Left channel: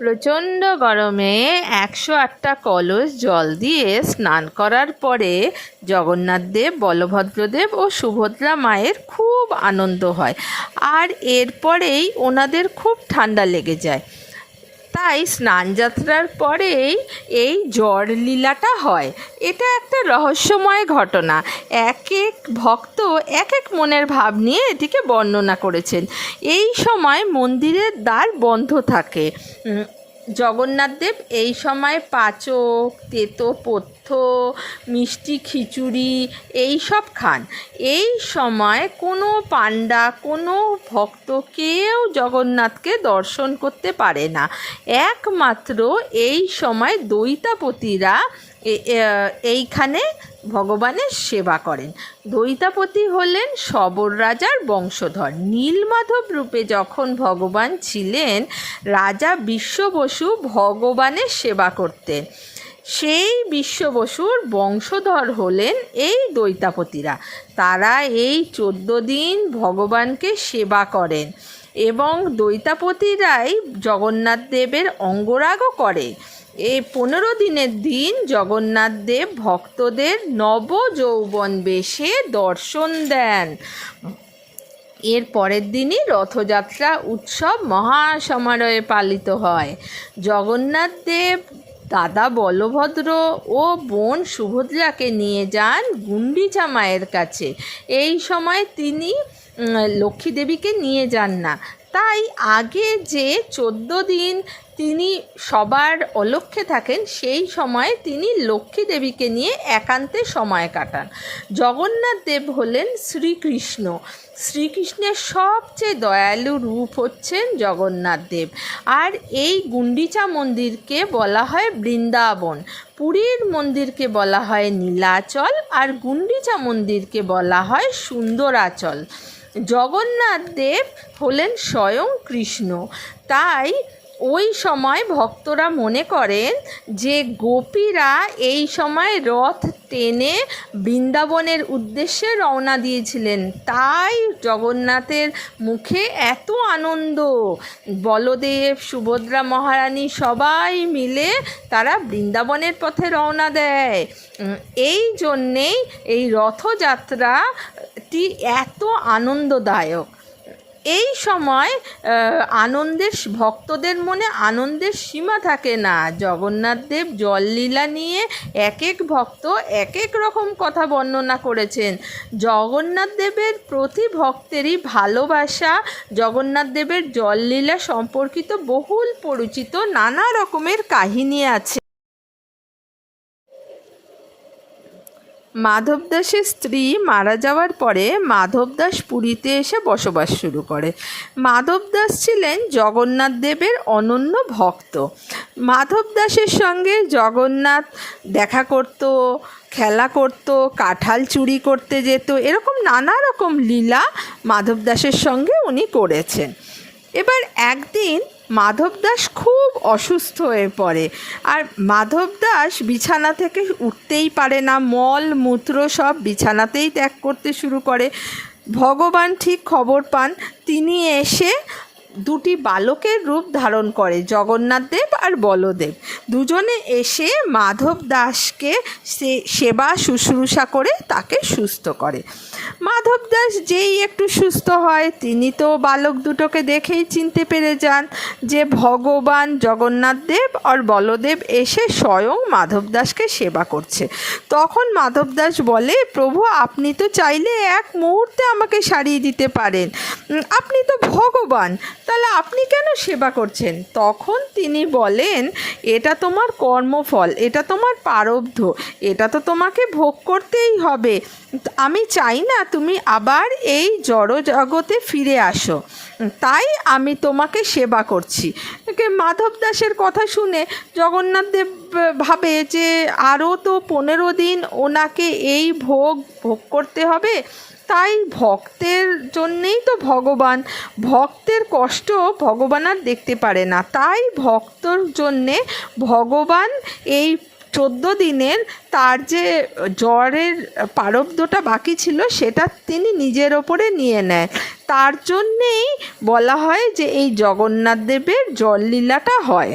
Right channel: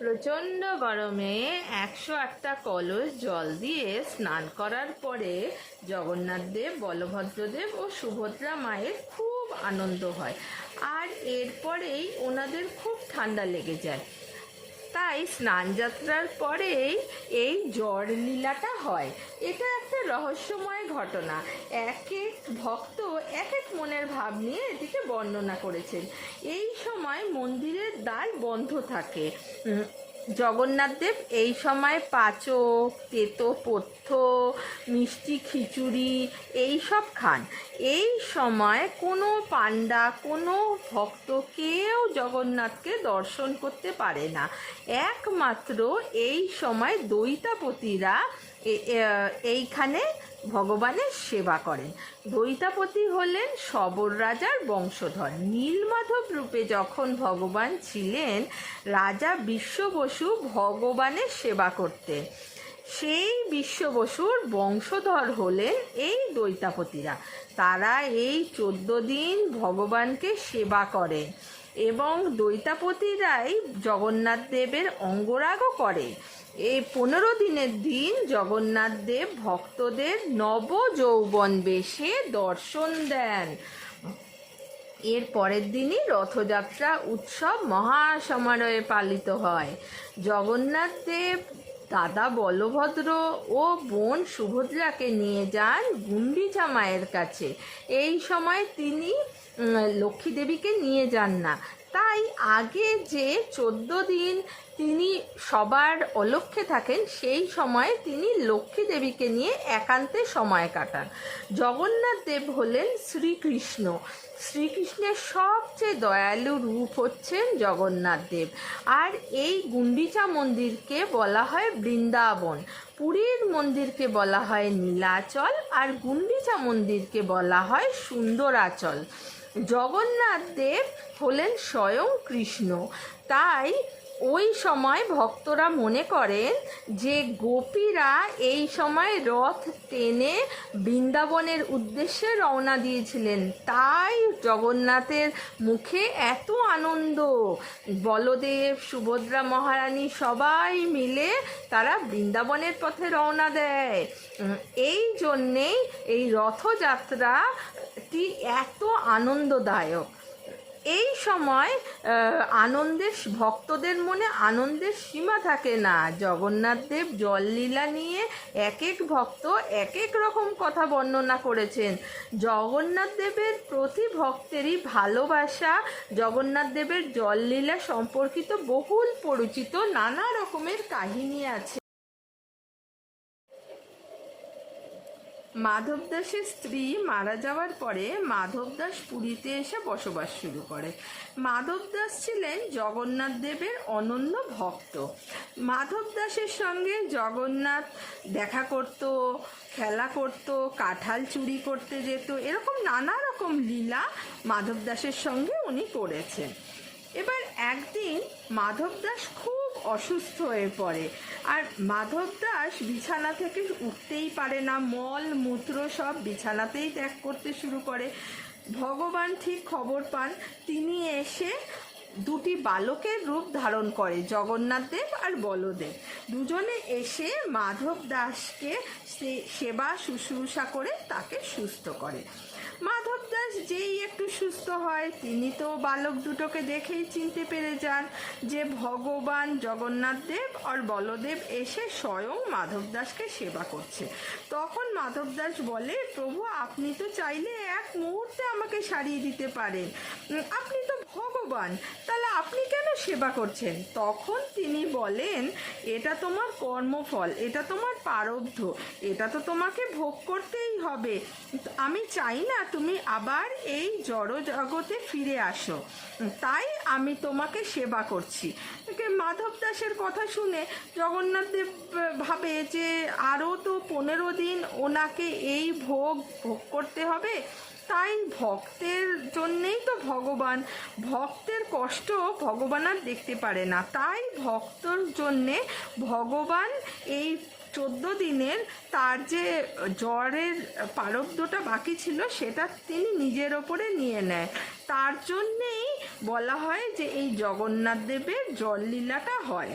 প্রচণ্ড গরমে 108টা কলস জল দিয়ে স্নান করার পরে জগন্নাথদেব, বলভদ্রদেব ও সুভদ্রা মায়ের খুব আনন্দ হয়। আর এরপরেই ওনাদের খুব ঠান্ডা লেগে যায়। তাই স্নানযাত্রার পরেই এই জ্বর লীলাটা হয়। এটা একটা রহস্যময় ঘটনা। এক এক ভক্ত এক এক মনের ভাব নিয়ে এটিকে বর্ণনা করেছেন। এই সময় মন্দিরের দ্বার বন্ধ থাকে। জগন্নাথদেব এই সময় পাচক, তেতোপথ্য, মিষ্টি খিচুড়ি এই সব খান। এই সময় কোনো পাণ্ডা, কোনো ভক্ত কেউ জগন্নাথকে দর্শন করতে পারে না। একমাত্র এই সময় দৈতাপতিরা এইখানে ভগবানের সেবা করেন। দৈতাপতি হলেন শবর রাজার বংশধর। নীলমাধব রূপে যখন ভগবান ছিলেন, রাজা বিশ্ববসু ভগবানের সেবা করতেন। সেই বিশ্ববসুর বংশধর হলেন এই দৈতাপতিরা। তারা এই 14 দিন ভগবানকে সেবা করেন এবং দৈতাপতিরাই জগন্নাথ দেবের অঙ্গরাগও করে। এই 15 দিনের দিন জগন্নাথ দেব ভক্তদের নবযৌবন বেশে দর্শন দেন। এর পরের দিনই রথযাত্রা উৎসব মহাসমারোহে পালিত হয়। জগন্নাথ দেব দাদা বলভদ্র ও বোন সুভদ্রাকে নিয়ে যান গুন্ডিচা মায়ের কাছে। এই সময় তিনি লক্ষ্মী দেবীকে নিয়ে যান না। তাই আগে যে 14 দিন তিনি সবার অলক্ষ্যে থাকেন, সেই সময় তিনি লক্ষ্মী দেবীকে নিয়ে একান্তে সময় কাটান। জগন্নাথ দেব হলেন শ্রীকৃষ্ণ। শ্রীকৃষ্ণের সবচেয়ে দয়ালু রূপ হচ্ছেন জগন্নাথ দেব। আর এই গুন্ডিচা মন্দিরকে বলা হয় বৃন্দাবন, পুরীর মন্দিরকে বলা হয় নীলাচল, আর গুন্ডিচা মন্দিরকে বলা হয় সুন্দরাচল। জগন্নাথ দেব হলেন স্বয়ং কৃষ্ণ। তাই ওই সময় ভক্তরা মনে করেন যে গোপীরা এই সময় রথ টেনে বৃন্দাবনের উদ্দেশ্যে রওনা দিয়েছিলেন। তাই জগন্নাথের মুখে এত আনন্দ। বলদেব, সুভদ্রা মহারানী সবাই মিলে তারা বৃন্দাবনের পথে রওনা দেয়। এই জন্যেই এই রথযাত্রাটি এত আনন্দদায়ক। এই সময় ভক্তদের মনে আনন্দের সীমা থাকে না। জগন্নাথ দেব জললীলা নিয়ে এক এক ভক্ত এক এক রকম কথা বর্ণনা করেছেন। জগন্নাথ দেবের প্রতি ভক্তেরই ভালোবাসা জগন্নাথ দেবের জললীলা সম্পর্কিত বহুল পরিচিত নানা রকমের কাহিনী আছে। মাধব দাসের স্ত্রী মারা যাওয়ার পরে মাধব দাস পুরীতে এসে বসবাস শুরু করে। মাধব দাস ছিলেন জগন্নাথ দেবের অনন্য ভক্ত। মাধব দাসের সঙ্গে জগন্নাথ দেখা করত, খেলা করত, কাঁঠাল চুরি করতে যেত, এরকম নানা রকম লীলা মাধব দাসের সঙ্গে উনি করেছেন। এবার একদিন মাধব দাস খুব অসুস্থ হয়ে পড়ে। আর মাধব দাস বিছানা থেকে উঠতেই পারে না, মল মূত্র সব বিছানাতেই ত্যাগ করতে শুরু করে। ভগবান ঠিক খবর পান, তিনি এসে দুটি বালকের রূপ ধারণ করে, জগন্নাথ দেব আর বলদেব। দুজনে এসে মাধব দাসকে সেবা শুশ্রূষা করে তাকে সুস্থ করে। মাধব দাস যেই একটু সুস্থ হয়, তিনি তো বালক দুটোকে দেখেই চিনতে পেরে যান যে ভগবান জগন্নাথ দেব আর বলদেব এসে স্বয়ং মাধব দাসকে সেবা করছে। তখন মাধব দাস বলে, প্রভু আপনি তো চাইলে এক মুহূর্তে আমাকে সারিয়ে দিতে পারেন, আপনি তো ভগবান, তাহলে আপনি কেন সেবা করছেন? তখন তিনি বলেন, এটা তোমার কর্মফল, এটা তোমার প্রারব্ধ, এটা তো তোমাকে ভোগ করতেই হবে। আমি চাই না তুমি আবার এই জড় জগতে ফিরে আসো, তাই আমি তোমাকে সেবা করছি। মাধব দাসের কথা শুনে জগন্নাথ দেব ভাবে যে আরও তো 15 দিন ওনাকে এই ভোগ করতে হবে। তাই ভক্তের জন্যেই তো ভগবান, ভক্তের কষ্ট ভগবান আর দেখতে পারে না। তাই ভক্তর জন্যে ভগবান এই 14 দিনের তার যে জ্বরের প্রারব্ধটা বাকি ছিল সেটা তিনি নিজের ওপরে নিয়ে নেয়। তার জন্যেই বলা হয় যে এই জগন্নাথ দেবের জললীলাটা হয়।